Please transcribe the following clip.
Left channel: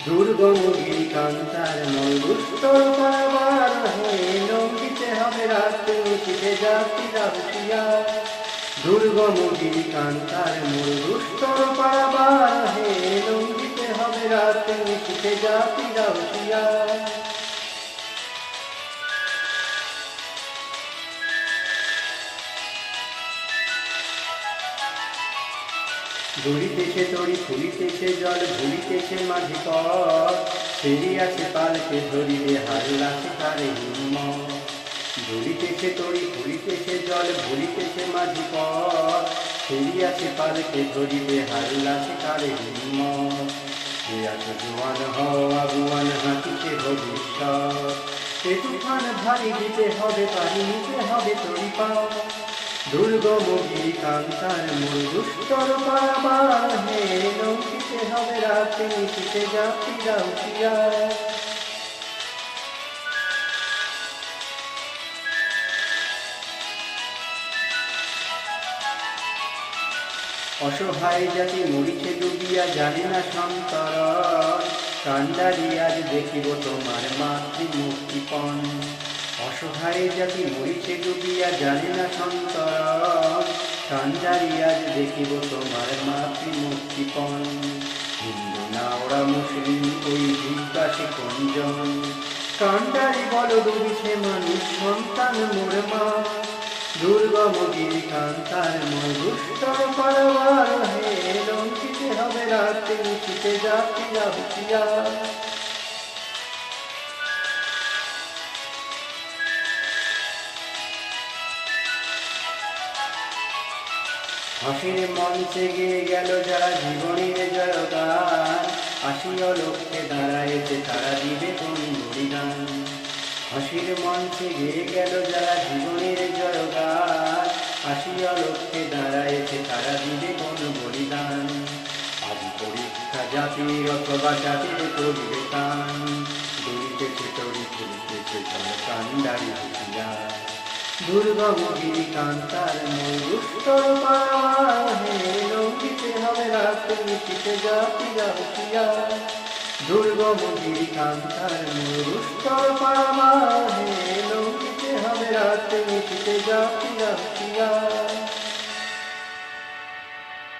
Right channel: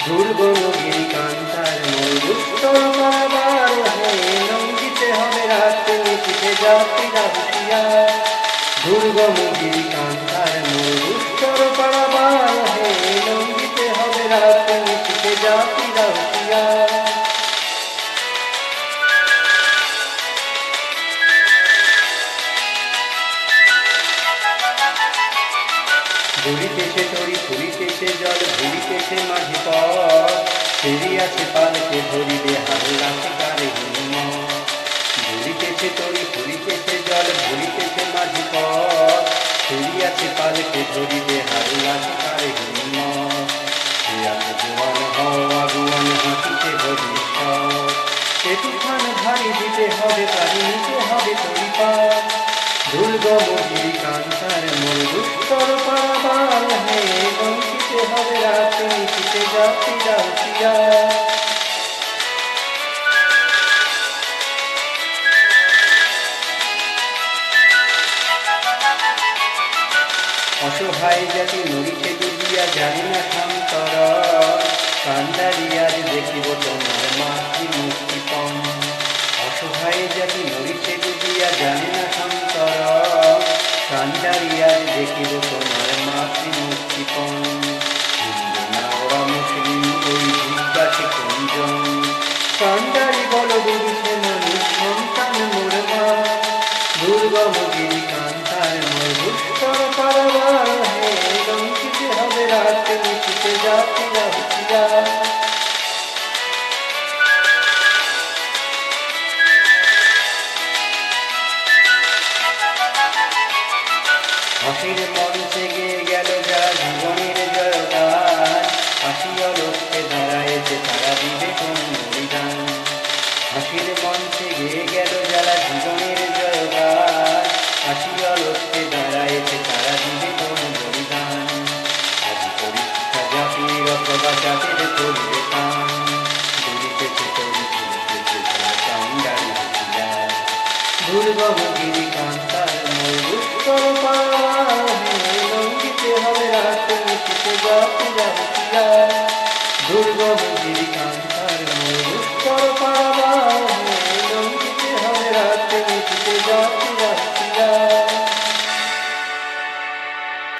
দুর্গমগিরি কান্তার মরুস্তর পারাবার হে লঙ্ঘিতে হবে রাতে উঠিতে যাত্রীরা হুঁশিয়া দুর্গমগিরি কান্তার মরুস্তর পারাবার ঘুরিতেছে তরি ফুরিতেছে জল ঘুরিতেছে মাঝি পথ। ফেরিয়াছে পালকে ধরিবে হাল্লা শিকারে হিম্মত ঘুরিতেছে তরি ফুরিতেছে জল ঘুরিতেছে মাঝি পথ। ফেরিয়াছে পালকে ধরিবে হাল্লা শিকারে সে আছে জোয়ান হওয়া গুয়ান হাসিতে ভবিষ্যৎ সে তুফান ভারী দিতে হবে, পারি নিতে হবে তরি পা দুর্গমগিরি কান্তার মরুস্তর পারাবার হে লঙ্কিতে হবে অসহায় জাতি নড়িতে ডুবিয়া জানি না সন্তর কান্দারি আজ দেখিব তোমার মাতৃ মুক্তিপণ অসহায় জাতি নড়িতে ডুবিয়া জানি না সন্তর কান্দারি আজ দেখিব তোমার মাতৃ মুক্তিপণ হিন্দু না ওরা মুসলিম, ওই জিজ্ঞাসে কোনজন কান্দারি বল ডুবিছে মানুষ, সন্তান মোর মা। দুর্গমগিরি কান্তার মধুস্তর পারবার হে লঙ্কিতে হবে রাতে, নিশিতে জাতিরা হুঁশিয়া হাসির মঞ্চে গিয়ে গেল যারা জীবনের জয়গান। হাসিয়া লোককে দাঁড়ায়েছে, তারা দিবে কোন বলিদান? হাসির মঞ্চে গিয়ে গেল যারা জীবনের জয়গান। হাসিয়া লোককে দাঁড়ায়েছে, তারা দিবে কোন বলিদান? আজ পরীক্ষা জাতির অথবা জাতির করবে কান দুরিতেছে তরি ফুলতেছে তারা কান্ডারি দুর্গম গিরি কান্তার ময়ূর তোর পাহে লঙ্ঘিতে হবে রাত্রি, শীতে যাতে যাব কিয়া দুর্গম গিরি কান্তার ময়ূর তোর পাহে লঙ্ঘিতে হবে রাত্রি শীতে যাতে যাব কিয়া